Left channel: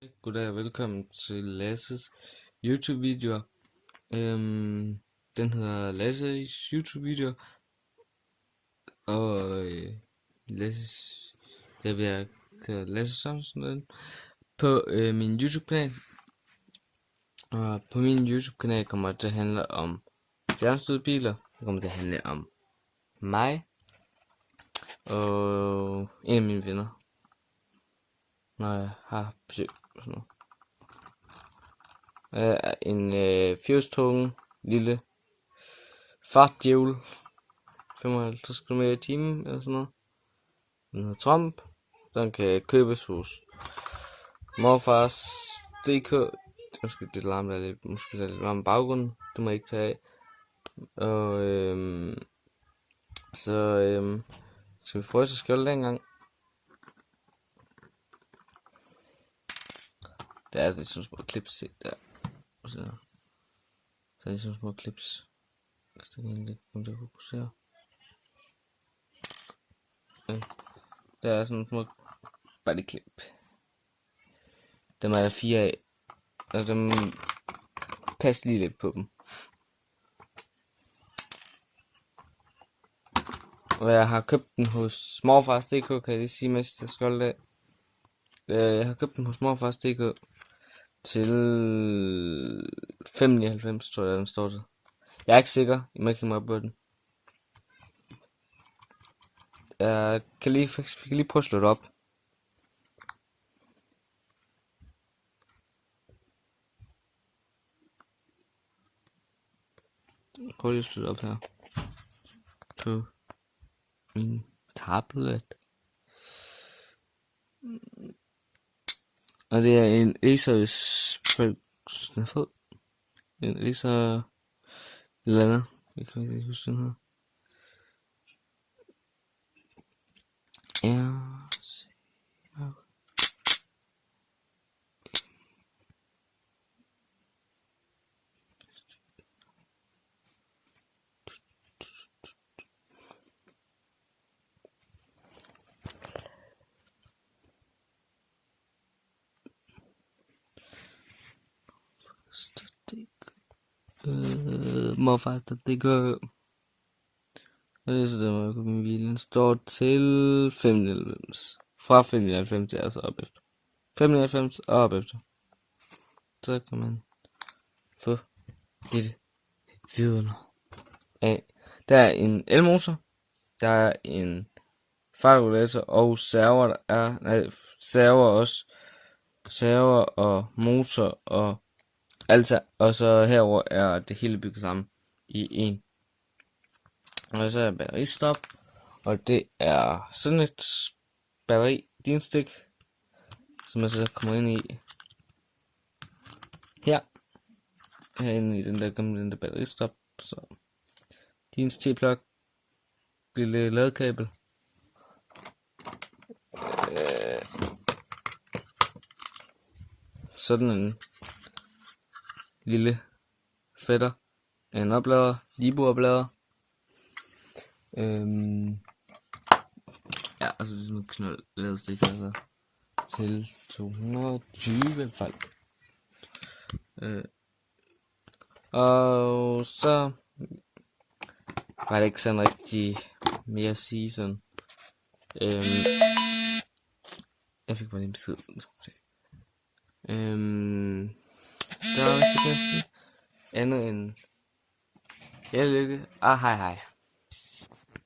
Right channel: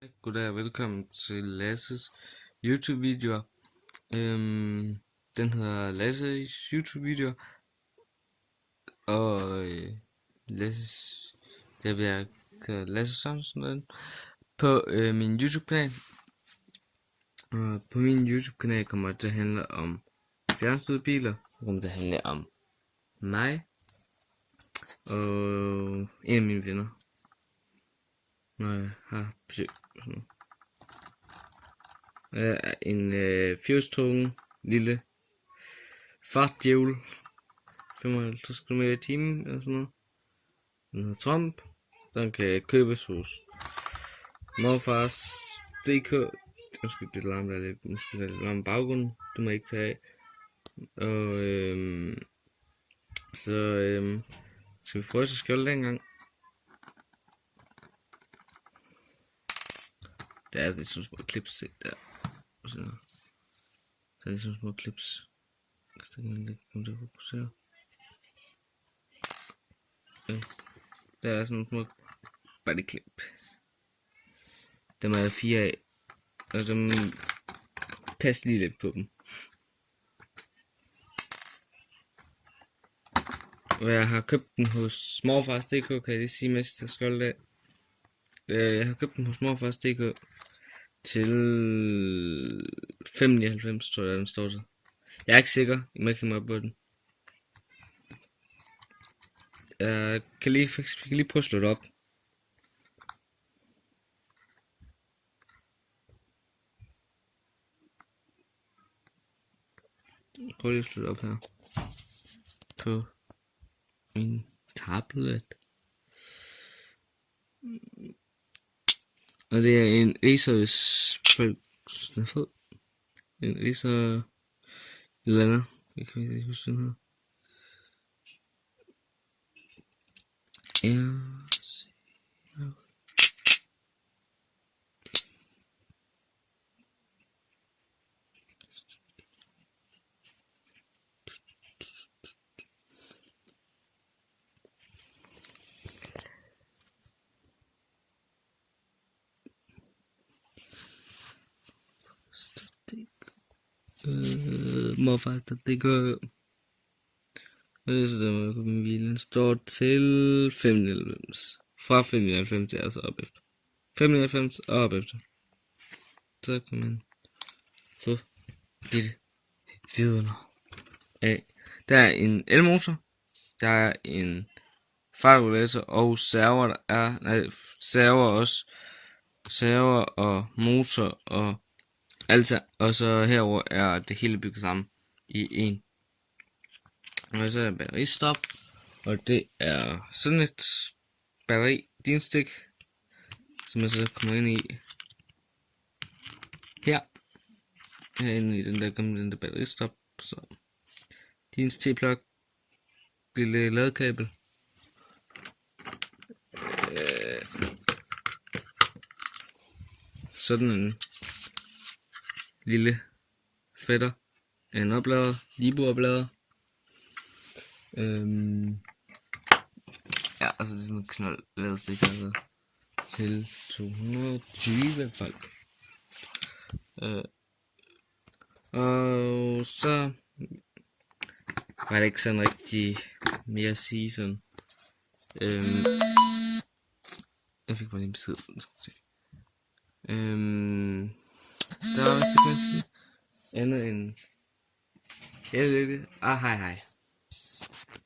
Goddag og velkommen til Lasses YouTube-videoer. Den hedder Lasses YouTube-videoer, og Lasses, der bliver kaldt Lasse Sørensen på min YouTube-kanal. Og på min YouTube-kanal kommer det til at handle om fjernstyrede biler. Det kommer til at handle om mig og en af mine venner, når jeg har besøg og sådan noget. Jeg er en fjolstunge lille fartdjævel, 55 km/t eller sådan noget. Den hedder Trump. Den kan købes hos morfars DK. Undskyld, det larmer lidt. Måske lidt varm baggrunden. Det må jeg ikke tage af. Og så skal vi prøve at skjolde den gang. Der er lidt sådan små clips set der. Så der er lidt sådan små clips. Så kan jeg komme til at fokusere. Der er sådan små bodyclip. Dem er der 4 af. Og dem pas lige lidt på dem. Og jeg har købt den hos morfars.dk, kan jeg lige sige, mens jeg skal af. Jeg har købt den hos morfars.dk til 5,99, tror jeg, den står til. Jeg er ikke sikker, I må ikke hænge mig op på den. Jeg kan lige prøve at slå det op. Prøv lige at slå det op her. På min tablet. Og det er en Acer fed. En Acer eller andet. Jeg kan ikke huske den her. Ja. Morfars.dk. Og det er så på min bil. Den står til 5,99. Fra 5,99 til altså op efter. 5,99 og op efter. Så kan man få lidt vidunder af. Der er en elmotor. Der er en fartregulator og server. Der er server også. Server og motor og alt. Og så herover er det hele bygget sammen i en. Og så er der batteristop. Og det er sådan et batteri-dinstik, som jeg så kommer ind i her. Herinde i den der batteristop. Så dins T-plug. Lille ladekabel. Sådan en lille fætter af en oplader, Libo-oplader. Ja, altså det er sådan noget knold ladestik, altså til 220 folk. Og så var det ikke sådan rigtig mere at sige sådan. Jeg fik bare lige en besked. Der var vist ikke andet end held og lykke og hej hej.